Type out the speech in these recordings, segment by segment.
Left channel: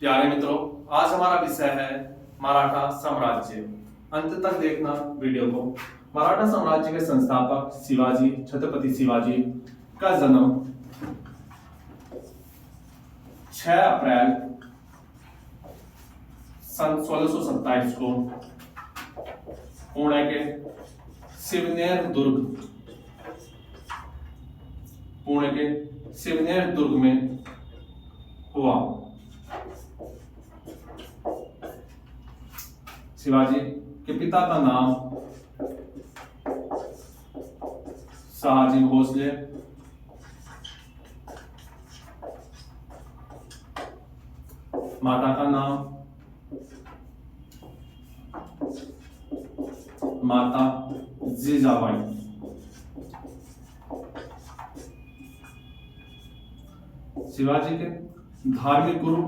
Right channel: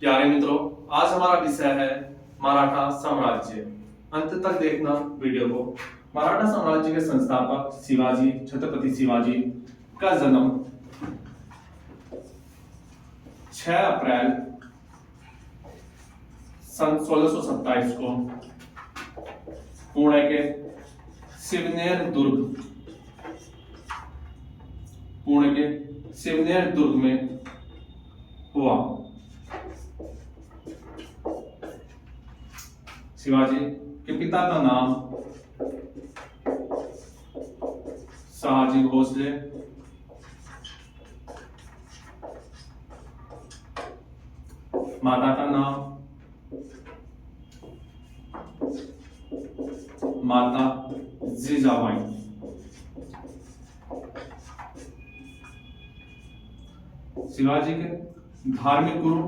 प्यारे मित्रों, आज हमारा विषय है मराठा साम्राज्य। अंत तक देखना वीडियो को। मराठा साम्राज्य के संस्थापक शिवाजी, छत्रपति शिवाजी का जन्म 6 अप्रैल सन 1627 को पुणे के शिवनेर दुर्ग में हुआ। शिवाजी के पिता का नाम शहाजी भोसले, माता का नाम माता जीजाबाई। शिवाजी के धार्मिक गुरु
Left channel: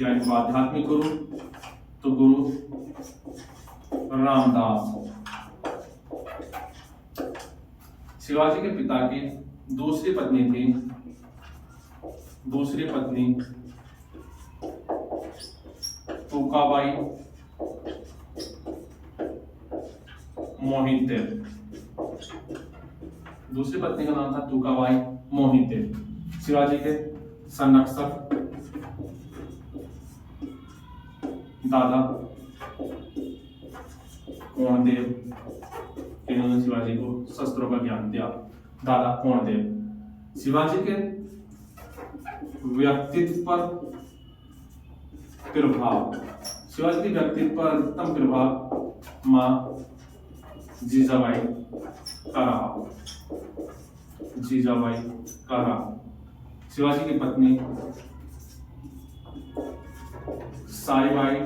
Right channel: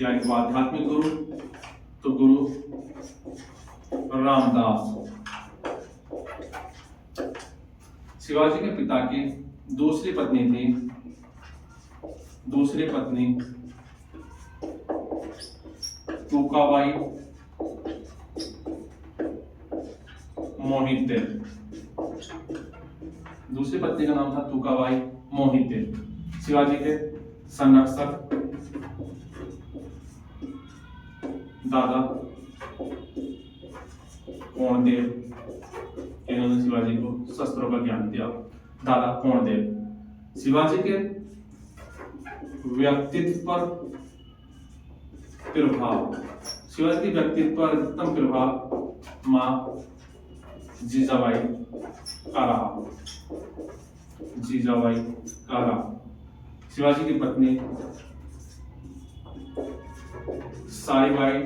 यानी आध्यात्मिक गुरु तो गुरु रामदास। शिवाजी के पिता की दूसरी पत्नी तुकाबाई मोहिते। दूसरी पत्नी का नाम था तुकाबाई मोहिते। शिवाजी के संरक्षक दादा कोणदेव, इन्होंने शिवाजी को शस्त्रों का ज्ञान दिया। दादा कोणदेव। शिवाजी के व्यक्तित्व पर प्रभाव, शिवाजी के व्यक्तित्व पर उत्तम प्रभाव मां जीजाबाई का रहा। शिवाजी की पत्नी साईबाई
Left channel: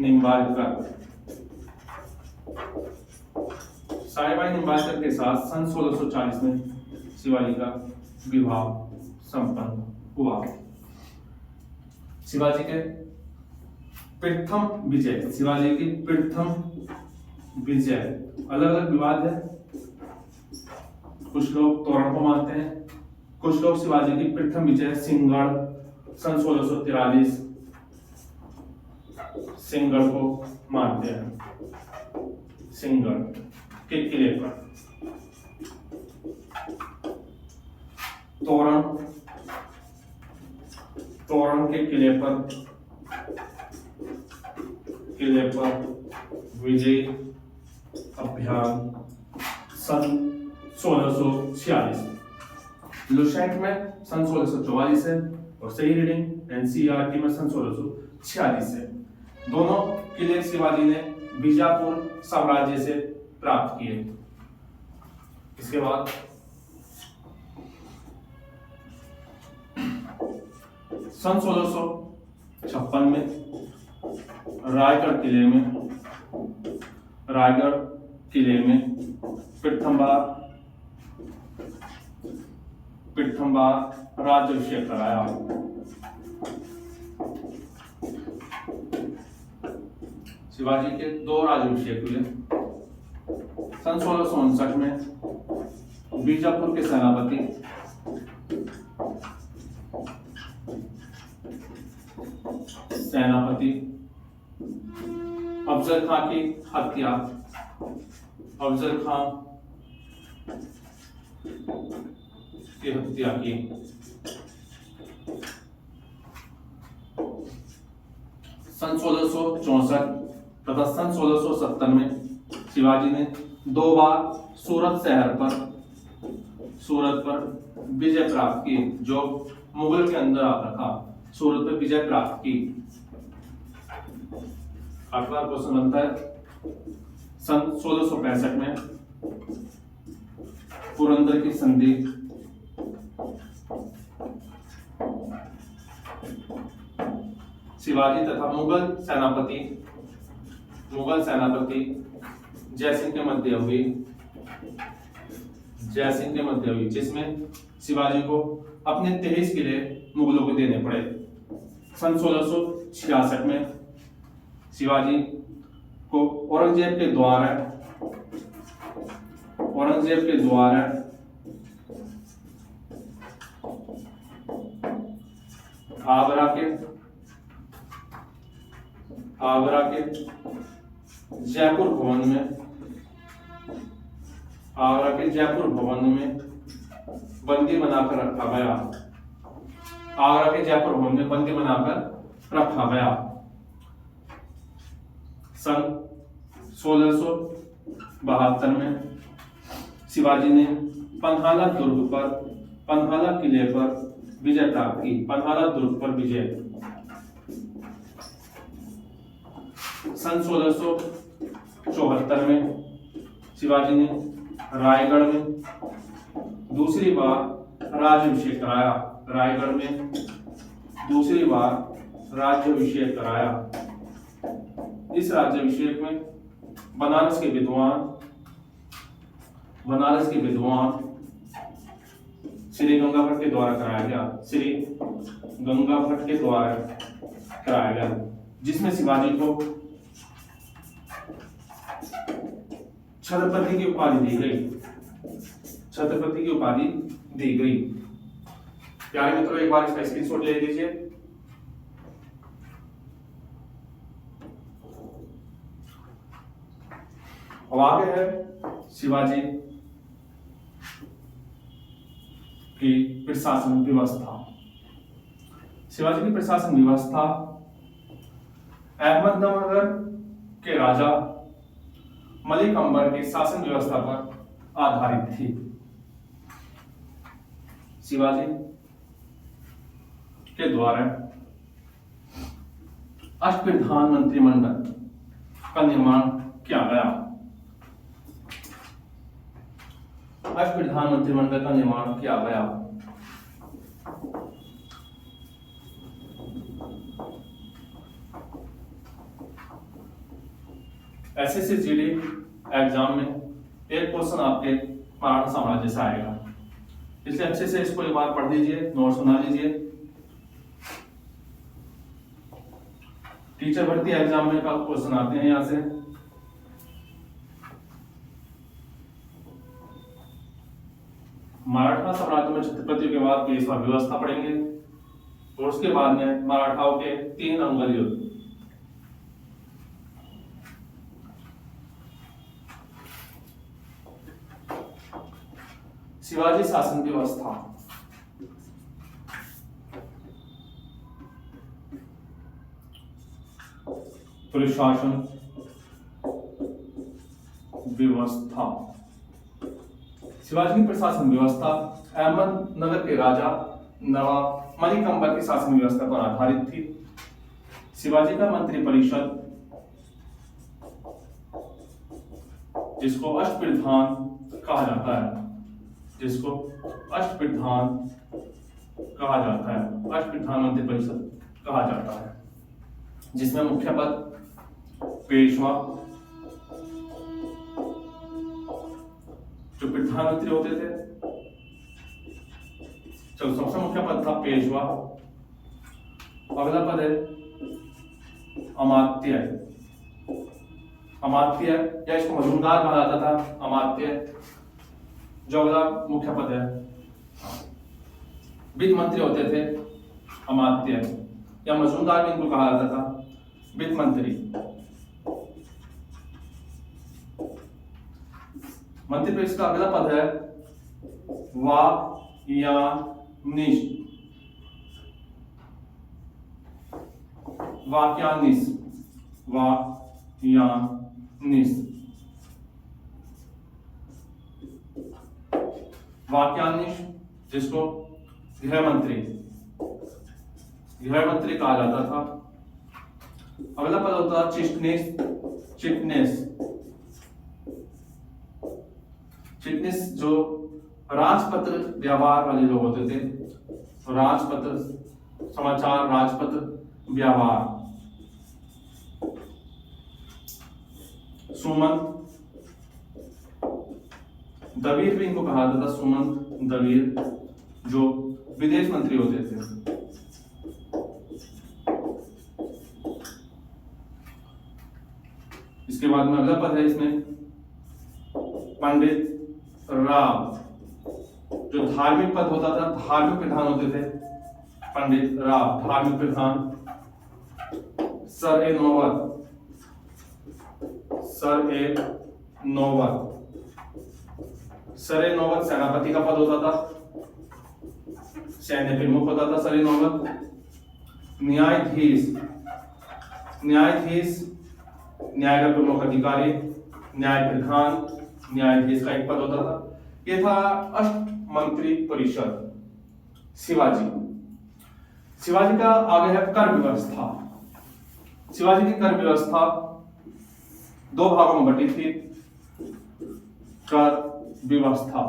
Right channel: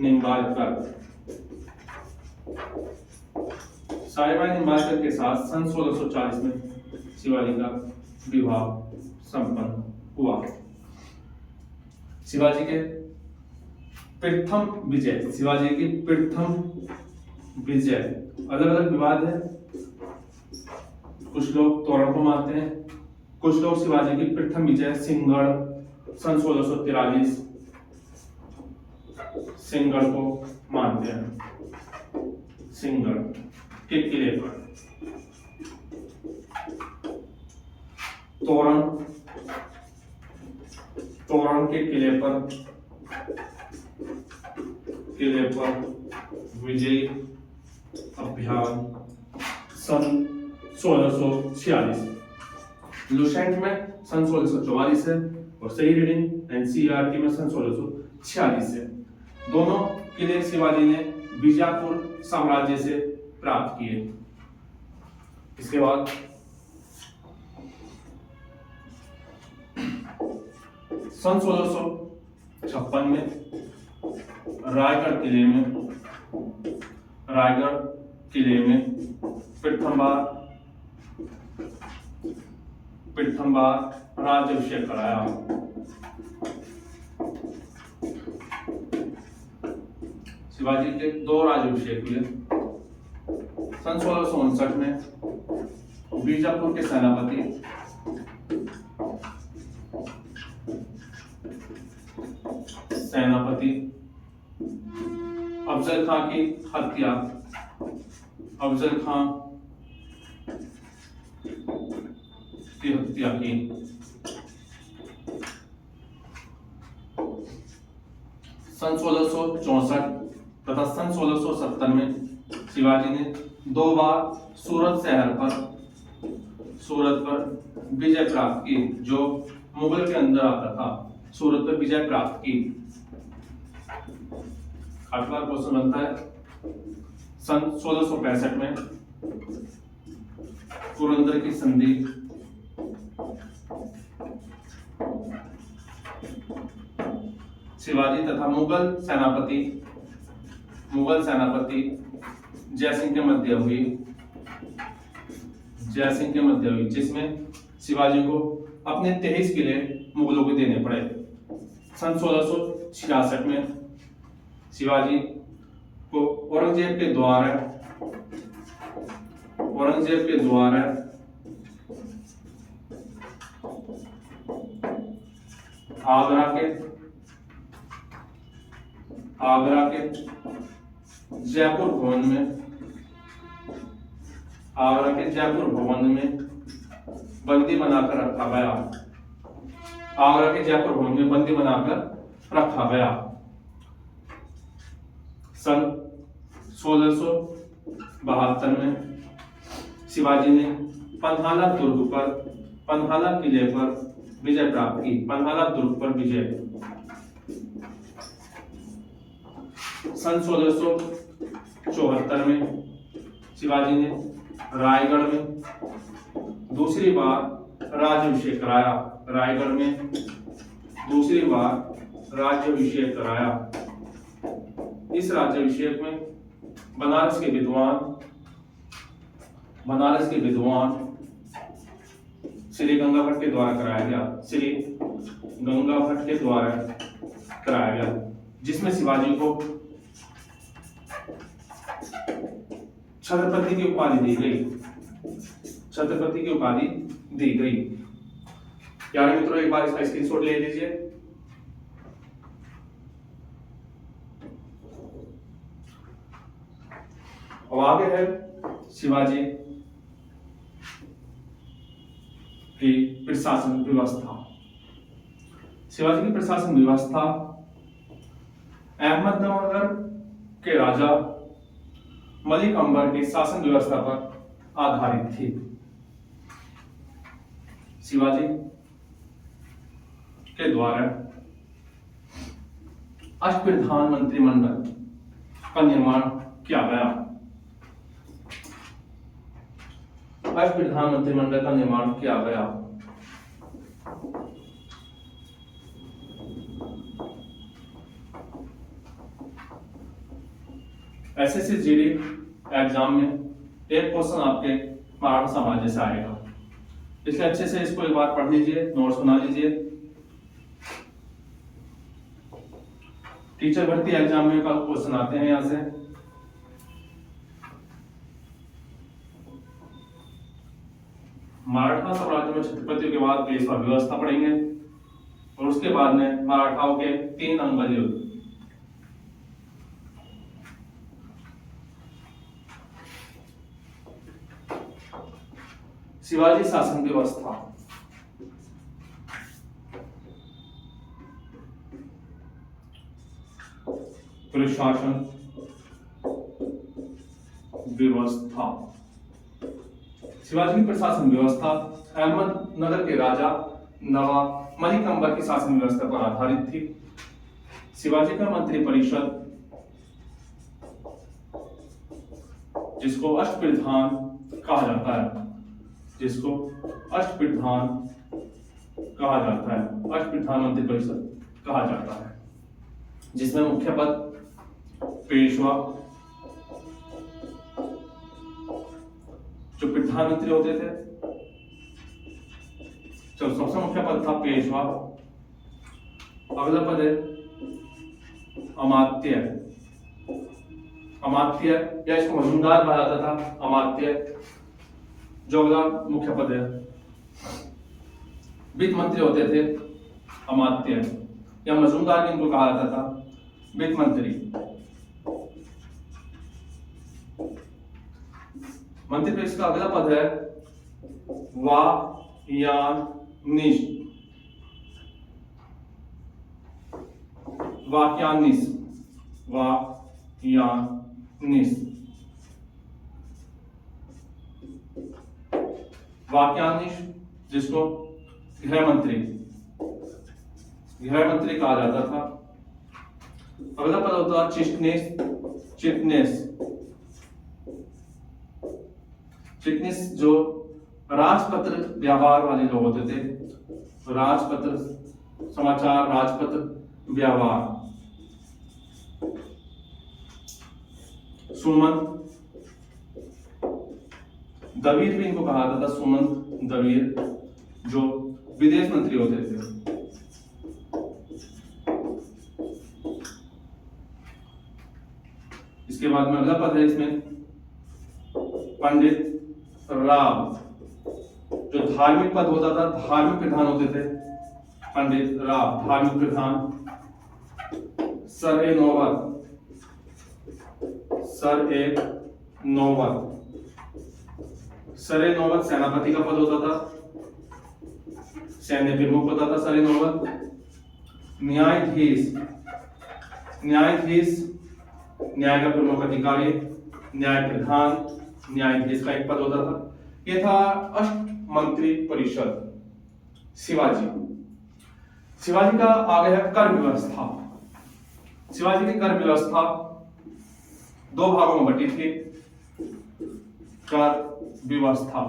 निंबाळकर के साथ सन 1640 में शिवाजी का विवाह संपन्न हुआ। शिवाजी की प्रथम विजय, अलग अलग विवाद है। कुछ लोग तोरण को मानते हैं, कुछ लोग शिवाजी की प्रथम विजय सिंहगढ़ सन 1643 सिंहगढ़ को मानते हैं। सिंहगढ़ के किले पर तोरण के किले पर विजय अभियान सन 1646। लुसेंट में सन 1644 है और सही रीडिंग एनसीईआरटी में सन 1646 है। दोनों किले शिवाजी ने बीजापुर साम्राज्य से प्राप्त किए। इसके बाद सन 1656 में रायगढ़ किले में प्रथम बार राज्याभिषेक कराया। शिवाजी के 2 राज्याभिषेक हुए। सन 1659 में बीजापुर के सेनापति अफजल खां की हत्या की। सन 1664 तथा सन 1670 में शिवाजी ने 2 बार सूरत पर विजय प्राप्त की, जो मुगल के अंदर आता था। सूरत पर विजय प्राप्त की। 8 बार क्वेश्चन बनता है। सन 1665 में पुरंदर की संधि शिवाजी तथा मुगल सेनापति जयसिंह के मध्य हुई, जिसमें शिवाजी को अपने 23 किले मुगलों को देने पड़े। सन 1666 में शिवाजी को औरंगजेब के द्वारा आगरा के जयपुर भवन में बंदी बनाकर रखा गया। आगरा के जयपुर भवन में बंदी बनाकर रखा गया। सन 1672 में शिवाजी ने पन्हाला किले पर विजय प्राप्त की। पन्हाला दुर्ग पर विजय। सन 1674 में शिवाजी ने रायगढ़ में दूसरी बार राज्याभिषेक कराया। इस राज्याभिषेक में बनारस के विद्वान श्री गंगा भट्ट के द्वारा कराया गया, जिसमें शिवाजी को छत्रपति की उपाधि दी गई। प्यारे मित्रों, एक बार इसका स्क्रीनशॉट ले लीजिए। अब आगे है शिवाजी की प्रशासन व्यवस्था। अहमदनगर के राजा मलिक अंबर की शासन व्यवस्था पर आधारित थी। शिवाजी के द्वारा अष्टप्रधान मंत्रिमंडल का निर्माण किया गया। एसएससी जीडी एग्जाम में एक क्वेश्चन आपके मराठा साम्राज्य से आएगा, इसलिए अच्छे से इसको एक बार पढ़ लीजिए, नोट्स बना लीजिए। टीचर भर्ती एग्जाम में क्वेश्चन आते हैं यहां से। मराठा साम्राज्य में छत्रपति के बाद पेशवा व्यवस्था पढ़ेंगे और उसके बाद में मराठाओं के 3 अंगद युद्ध। शिवाजी शासन व्यवस्था। प्रशासन व्यवस्था। शिवाजी की प्रशासन व्यवस्था अहमदनगर के राजा नवाब मलिक अंबर की शासन व्यवस्था पर आधारित थी। शिवाजी का मंत्री परिषद, जिसको अष्टप्रधान कहा जाता है, अष्टप्रधान मंत्री परिषद कहा जाता है, जिसमें मुख्य पद पेशवा, जो प्रधानमंत्री होते थे, चलो सबसे मुख्य पद था पेशवा। अगला पद है अमात्य या इसको मजूमदार कहा जाता था, अमात्य। जो अगला मुख्य पद है वित्त मंत्री होते थे, अमात्य या मजूमदार भी इनको कहा जाता था, वित्त मंत्री। मंत्री परिषद का अगला पद है वाक्यानीश, जिसको गृह मंत्री कहा जाता था। अगला पद होता है चिटनेस, जो राजपत्र व्यापार वाले लोग होते थे, राजपत्र समाचार, राजपत्र व्यवहार। सुमंत दवीर भी इनको कहा जाता था, सुमंत दवीर, जो विदेश मंत्री होते थे। इसके बाद में अगला पद है इसमें पंडित राव, जो धार्मिक पद होता था, धार्मिक प्रधान होते थे, पंडित राव धार्मिक प्रधान, सर ए नौबत सेनापति का पद होता था, सैन्य प्रमुख होता था सर ए नौबत। न्यायाधीश न्याय का प्रमुख अधिकारी, न्याय प्रधान, न्यायाधीश का एक पद होता था। यह था अष्ट मंत्री परिषद। शिवाजी का आगे है कर व्यवस्था। शिवाजी की कर व्यवस्था दो भागों में बटी थी। कर व्यवस्था,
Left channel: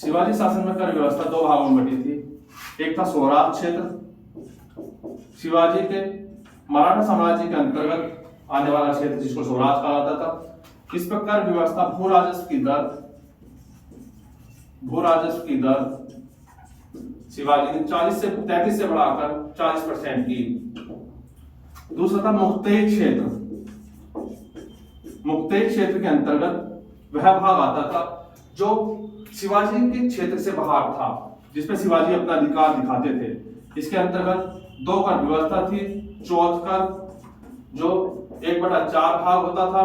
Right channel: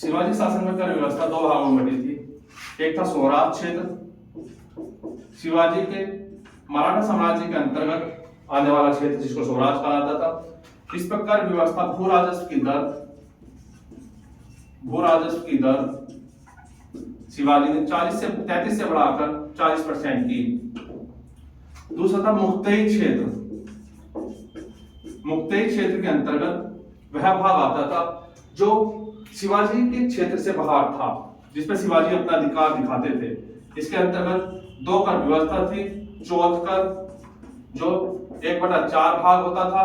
शिवाजी शासन में कर व्यवस्था दो भागों में बटी थी। एक था स्वराज क्षेत्र, शिवाजी के मराठा साम्राज्य के अंतर्गत आने वाला क्षेत्र जिसको स्वराज कहा जाता था। इस पर कर व्यवस्था भू राजस्व की दर शिवाजी ने 40 से 33 से बढ़ाकर 40% की। दूसरा था मुक्तेय क्षेत्र के अंतर्गत वह भाग आता था जो शिवाजी के क्षेत्र से बाहर था, जिसमें शिवाजी अपना अधिकार दिखाते थे। इसके अंतर्गत दो कर व्यवस्था थी। चौथ कर जो 1/4 भाग होता था,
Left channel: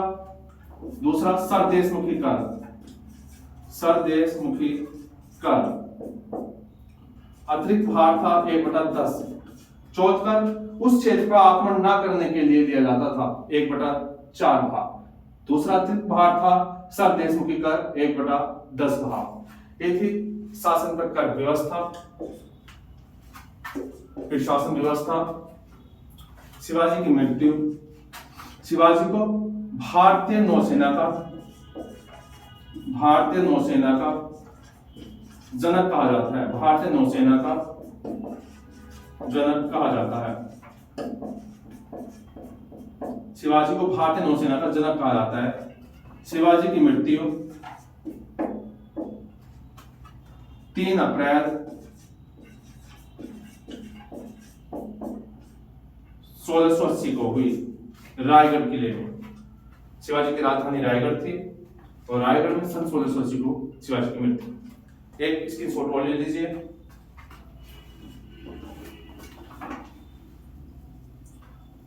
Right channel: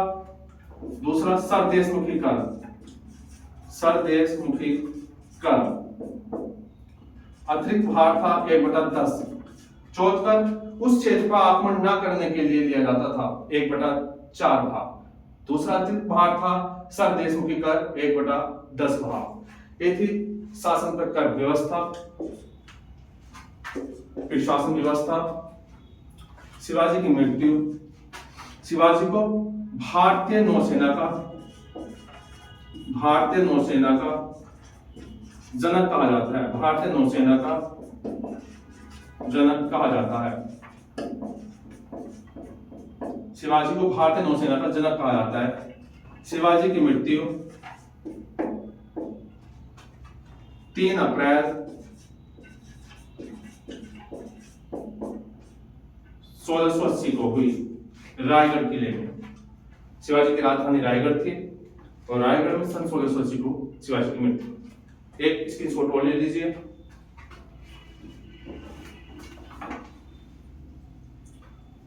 दूसरा सरदेशमुखी कर अतिरिक्त भार था 1/10। चौथ कर उस क्षेत्र पर आक्रमण न करने के लिए लिया जाता था 1/4 भाग। दूसरा अतिरिक्त भार था सरदेशमुखी कर 1/10 भाग। ये थी शासन पर कर व्यवस्था। फिर शासन व्यवस्था। शिवाजी की मृत्यु। शिवाजी को भारतीय नौसेना का जनक कहा जाता है। भारतीय नौसेना का जनक कहा जाता है। शिवाजी को भारतीय नौसेना का जनक कहा जाता है। शिवाजी की मृत्यु 3 अप्रैल 1680 को हुई रायगढ़ किले में। शिवाजी की राजधानी रायगढ़ थी और रायगढ़ में सन 1680 को शिवाजी की मृत्यु। एक स्क्रीनशॉट और ले लीजिए।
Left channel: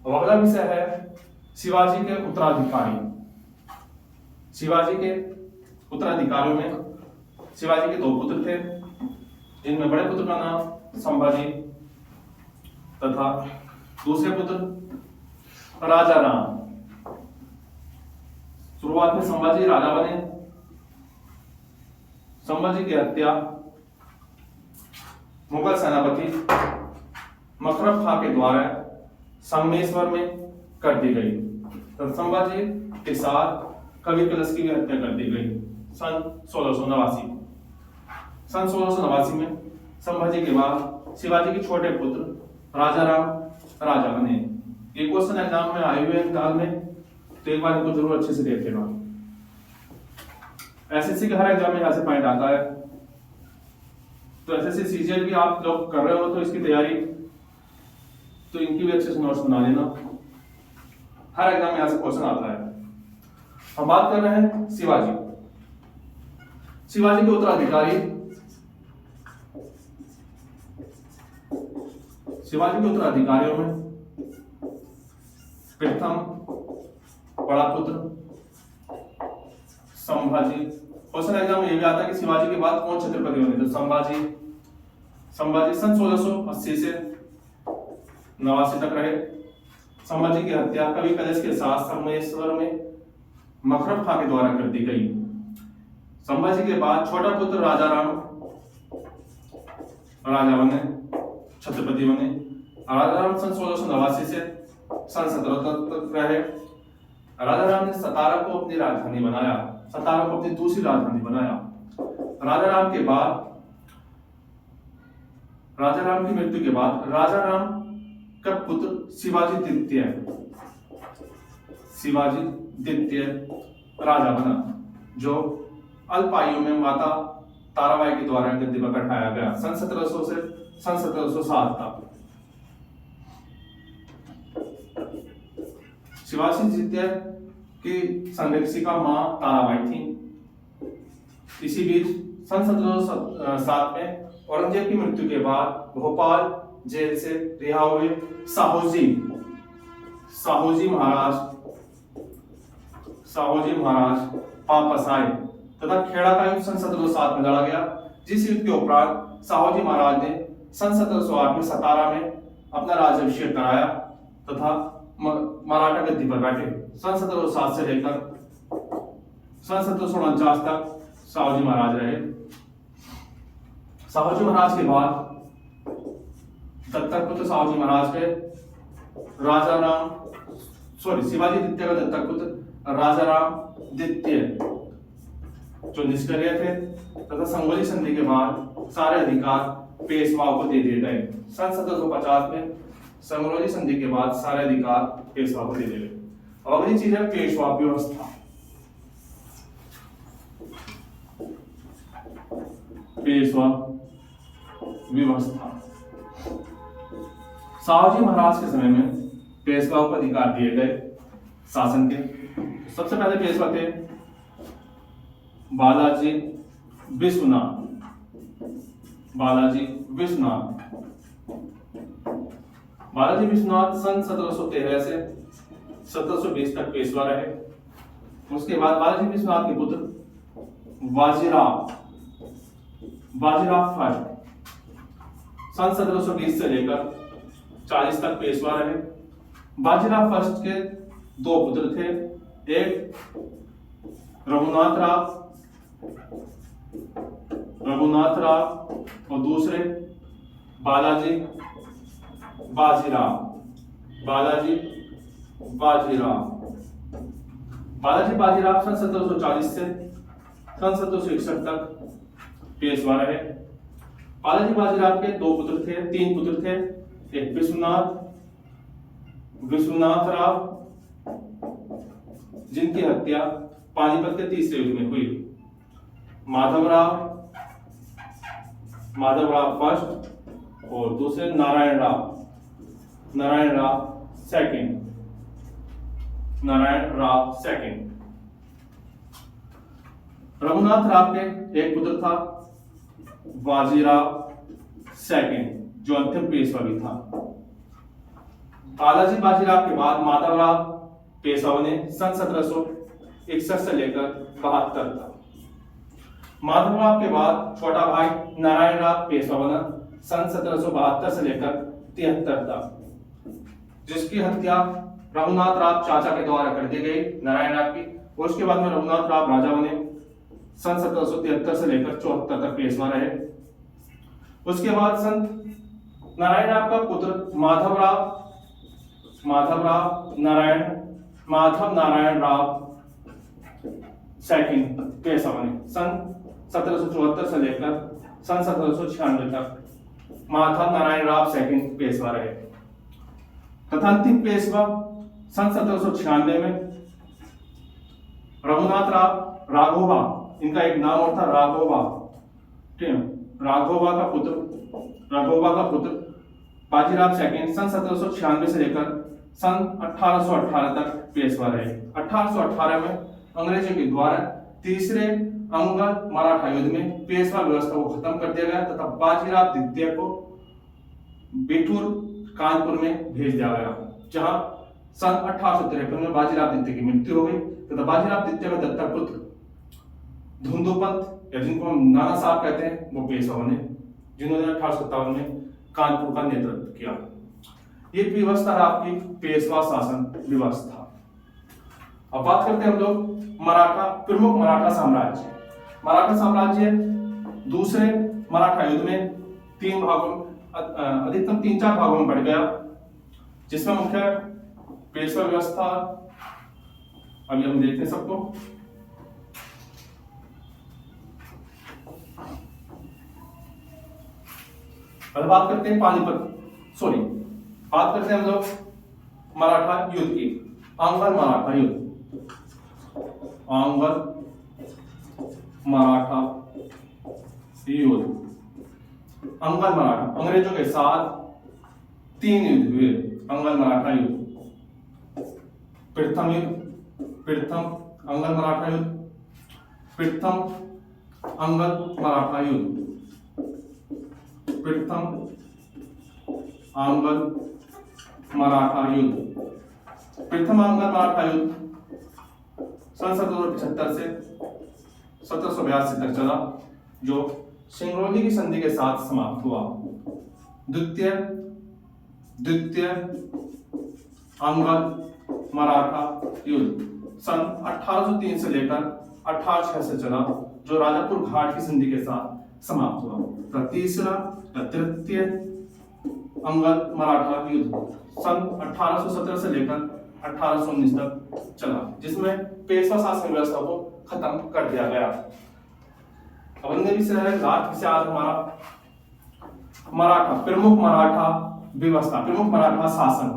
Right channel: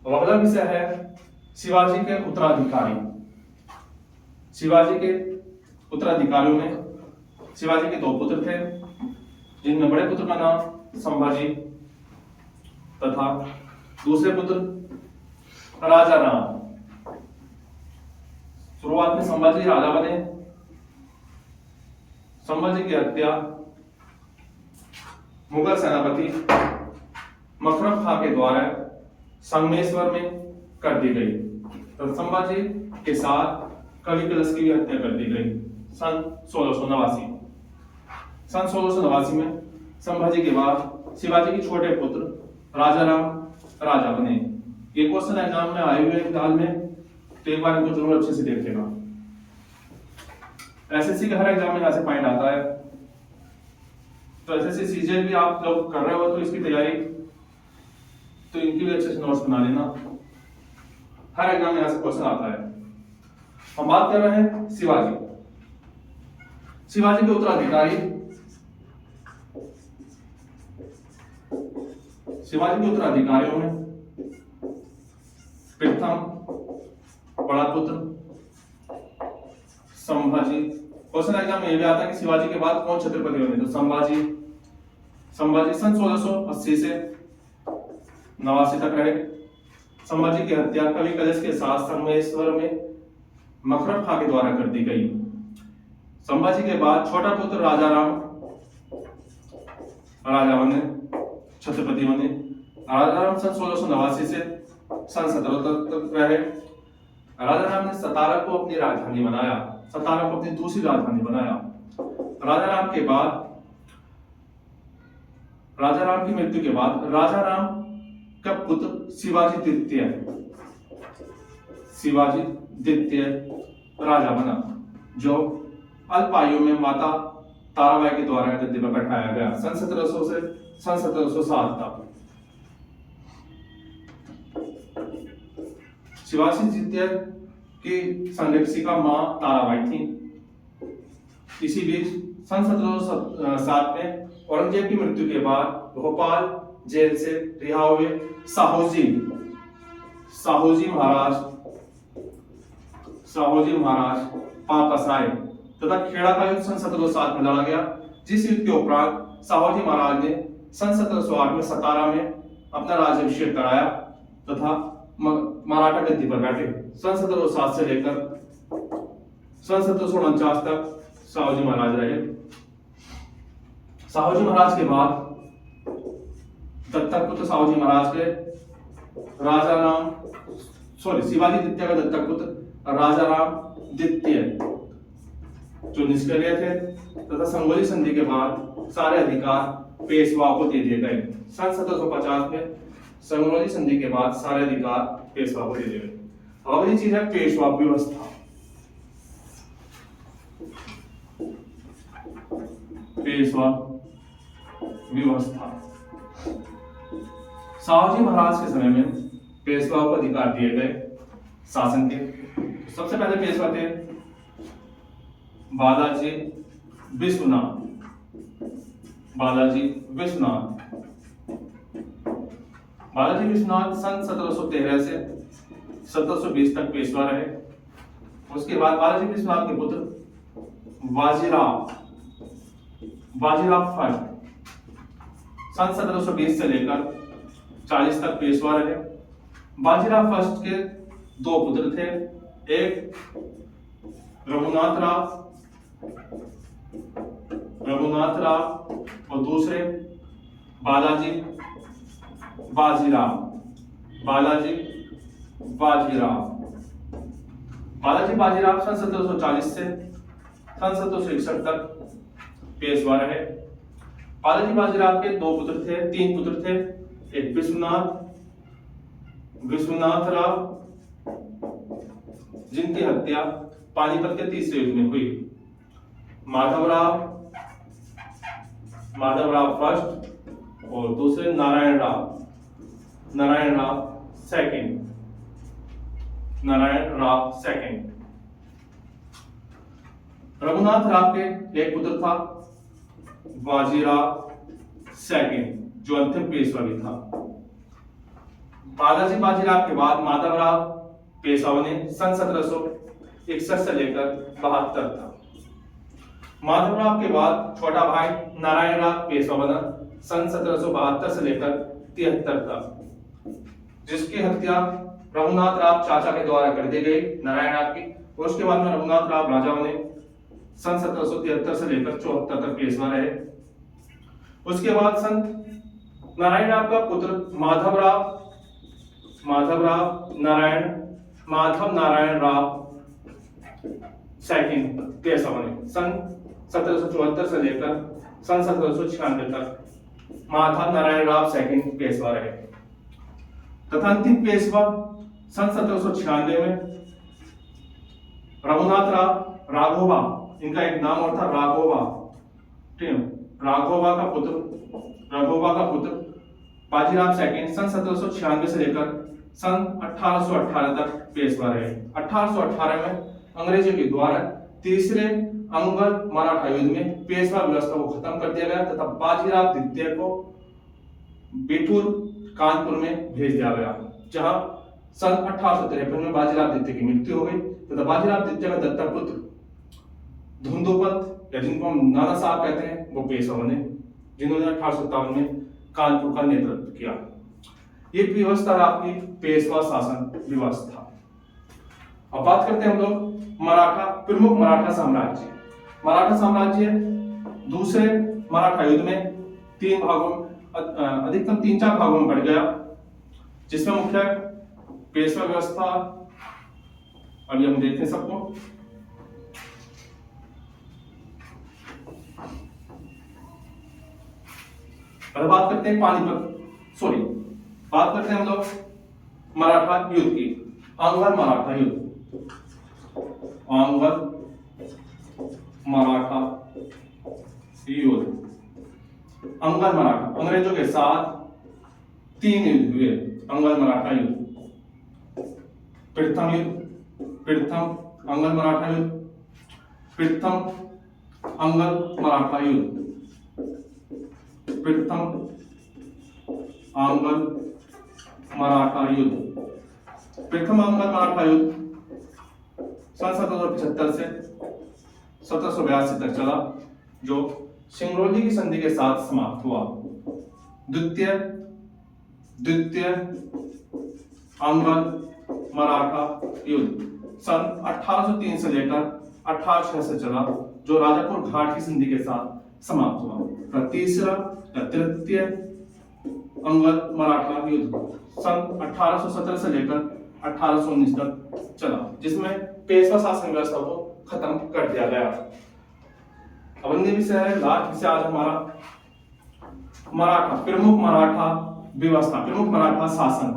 अगला विषय है शिवाजी के उत्तराधिकारी। शिवाजी के उत्तराधिकारियों में शिवाजी के 2 पुत्र थे, जिनमें बड़े पुत्र का नाम संभाजी तथा दूसरे पुत्र राजा राम। शुरुआत में संभाजी राजा बने। संभाजी की हत्या मुगल सेनापति मकरम खां के द्वारा संगमेश्वर में कर दी गई। तो संभाजी के साथ कवि कलश की भी हत्या कर दी गई सन 1689। सन 1689 में संभाजी के बाद शिवाजी के छोटे पुत्र राजा राम राजा बने। ये क्वेश्चन एग्जाम में आए हुए हैं फिलहाल में, तो एक बार इनको जरूर अच्छे से देख लेना। एसएससी का हर एग्जाम में यहाँ से पॉइंट आता है, तो एसएससी सीजीएल भी आप लोग कर रहे हो तो इसकी तैयारी तो इनकी भी अच्छे से नोट्स बना लेना। हर एग्जाम में यहाँ से क्वेश्चन आता है। हम बात कर रहे हैं शिवाजी के उत्तराधिकारी। शिवाजी के उत्तराधिकारियों में प्रथम बड़ा पुत्र संभाजी। क्वेश्चन एग्जाम में ये भी आता है कि शिवाजी के बाद कौन छत्रपति बने, तो संभाजी सन 1680 से 89 तक रहे। संभाजी की हत्या कवि कलश के साथ संगमेश्वर में मकरम खां के द्वारा कर दी गई। संभाजी के बाद छोटा पुत्र राजा बने, छत्रपति बने। राजा राम सन 1689 से सन 1700 तक रहे। राजा राम ने सतारा को अपनी राजधानी बनाया, सतारा को अपनी दूसरी राजधानी बनाया। राजा राम के बाद, राजा राम की मृत्यु के बाद राजा राम का पुत्र शिवाजी द्वितीय राजा बना, जो अल्प आयु में माता ताराबाई के द्वारा गद्दी पर बैठाया गया सन 1700 से सन 1707 तक। शिवाजी द्वितीय की संरक्षिका मां ताराबाई थी। इसी बीच सन 1707 में औरंगजेब की मृत्यु के बाद भोपाल जेल से रिहा हुए साहूजी महाराज वापस आए तथा खेड़ा का युद्ध सन 1707 में लड़ा गया, जिस युद्ध के उपरांत साहूजी महाराज ने सन 1708 में सतारा में अपना राज्याभिषेक कराया तथा मराठा गद्दी पर बैठे। सन 1707 से लेकर सन 1749 तक साहूजी महाराज रहे। साहूजी महाराज के बाद दत्तक पुत्र साहूजी महाराज के शिवाजी द्वितीय का दत्तक पुत्र राजा राम द्वितीय जो निष्क्रिय थे तथा संगोली संधि के बाद सारे अधिकार पेशवाओं को दे दिए गए। सन 1750 में संगोली संधि के बाद सारे अधिकार पेशवा को दे दिए गए। अब अगली चीज है पेशवा व्यवस्था। पेशवा व्यवस्था साहूजी महाराज के समय में पेशवाओं को अधिकार दिए गए शासन के। सबसे पहले पेशवा थे बालाजी विश्वनाथ सन 1713 से 1720 तक पेशवा रहे। उसके बाद बालाजी विश्वनाथ के पुत्र बाजीराव फर्स्ट सन 1720 से लेकर 40 तक पेशवा रहे। बाजीराव फर्स्ट के दो पुत्र थे, एक रघुनाथ राव और दूसरे बालाजी बाजीराव। बालाजी बाजीराव सन 1740 से सन 1761 तक पेशवा रहे। बालाजी बाजीराव के तीन पुत्र थे, एक विश्वनाथ राव जिनकी हत्या पानीपत के तीसरे युद्ध में हुई, माधव राव फर्स्ट और दूसरे नारायण राव सेकंड। रघुनाथ राव के एक पुत्र था बाजीराव सेकंड जो अंतिम पेशवा भी था। बालाजी बाजीराव के बाद माधव राव पेशवा ने सन 1761 से लेकर 72 तक। माधव राव के बाद छोटा भाई नारायण राव पेशवा बना सन 1772 से लेकर 73 तक, जिसकी हत्या रघुनाथ राव चाचा के द्वारा कर दी गई नारायण राव की। और उसके बाद में रघुनाथ राव राजा बने सन 1773 से लेकर 74 तक पेशवा रहे। उसके बाद सन नारायण राव का पुत्र माधव नारायण राव सेकंड पेशवा बने सन 1774 से लेकर सन 1796 तक। माधव नारायण राव सेकंड पेशवा रहे तथा अंतिम पेशवा सन 1796 में रघुनाथ राव राघोबा, इनका एक नाम और था राघोबा, ठीक है, राघोबा का पुत्र बाजीराव सेकंड सन 1796 से लेकर सन 1818 तक पेशवा रहे। 1818 में अंग्रेजों के द्वारा तीसरे अंगल मराठा युद्ध में पेशवा व्यवस्था को खत्म कर दिया गया तथा बाजीराव द्वितीय को बिठूर कानपुर में भेज दिया गया, जहां सन 1853 में बाजीराव द्वितीय की मृत्यु हो गई तथा बाजीराव द्वितीय का दत्तक पुत्र धुंधोपंत या जिनको हम नाना साहब कहते हैं वो पेशवा बने, जिन्होंने 1857 में कानपुर का नेतृत्व किया। ये व्यवस्था आपकी पेशवा शासन व्यवस्था। अब बात करते हैं हम लोग प्रमुख मराठा साम्राज्य दूसरे मराठा युद्ध में अधिकतम 3-4 भागों में बढ़ गया, जिसमें मुख्य पेशवा व्यवस्था। अब ये हम देखते हैं सबको। बात करते हैं बात करते हैं हम लोग मराठा युद्ध की। आंग्ल मराठा युद्ध अंग्रेजों के साथ 3 युद्ध हुए। अंग्ल मराठा युद्ध, प्रथम अंग्ल मराठा युद्ध, प्रथम आंग्ल मराठा युद्ध। प्रथम आंग्ल मराठा युद्ध सन 1775 से 1782 तक चला, जो सिंगरौली की संधि के साथ समाप्त हुआ। द्वितीय आंग्ल मराठा युद्ध सन 1803 से लेकर 1806 से चला, जो राजापुर घाट की संधि के साथ समाप्त हुआ। तीसरा या तृतीय आंग्ल मराठा युद्ध सन 1817 से लेकर 1819 तक चला, जिसमें पेशवा शासन व्यवस्था को खत्म कर दिया गया। अब अन्य विषय है लास्ट विषय आज हमारा मराठा, प्रमुख मराठा व्यवस्था, प्रमुख मराठा शासन।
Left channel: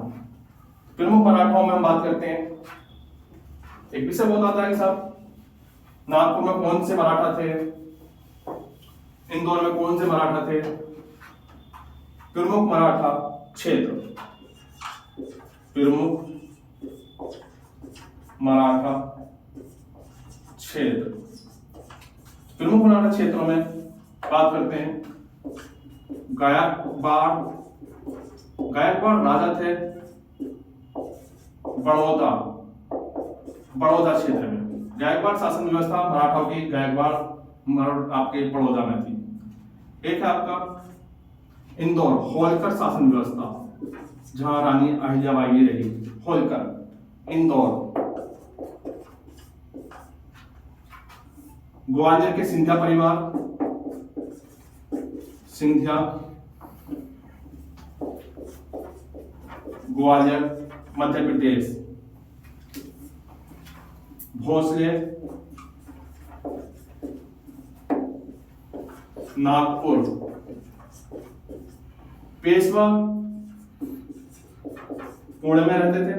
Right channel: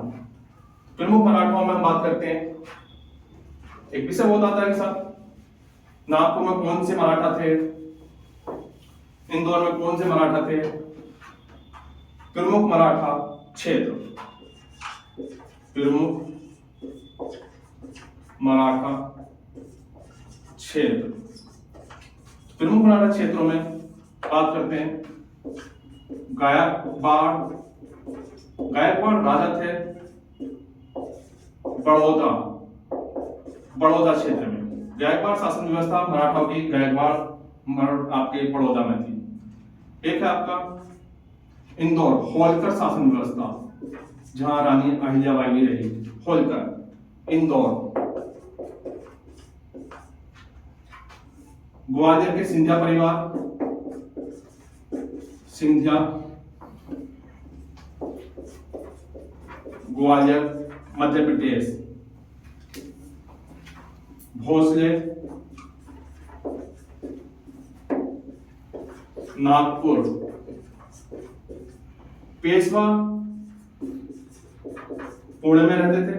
प्रमुख मराठाओं में हम बात करते हैं, एक विषय बहुत आता है कि साहब नागपुर में कौन से मराठा थे, इंदौर में कौन से मराठा थे। प्रमुख मराठा क्षेत्र, प्रमुख मराठा क्षेत्र, प्रमुख मराठा क्षेत्रों में बात करते हैं। गायकवाड़ राजा थे बड़ौदा क्षेत्र में। गायकवाड़ शासन व्यवस्था मराठाओं की गायकवाड़ आपके बड़ौदा में थी। एक है आपका इंदौर, होलकर शासन व्यवस्था, जहां रानी अहिल्याबाई भी रही। होलकर इंदौर। ग्वालियर के सिंधिया परिवार, सिंधिया ग्वालियर मध्य प्रदेश। भोसले नागपुर। पेशवा पुणे में रहते थे,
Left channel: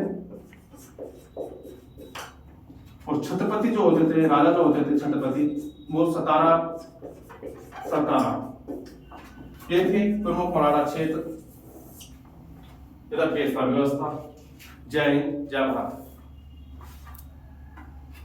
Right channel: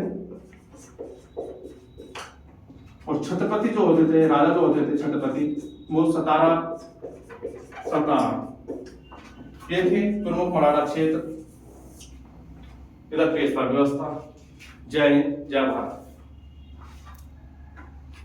और छत्रपति जो होते थे, राजा जो होते थे छत्रपति, वो सतारा। ये थी प्रमुख मराठा क्षेत्र, इधर पेशवा व्यवस्था। जय हिंद, जय भारत।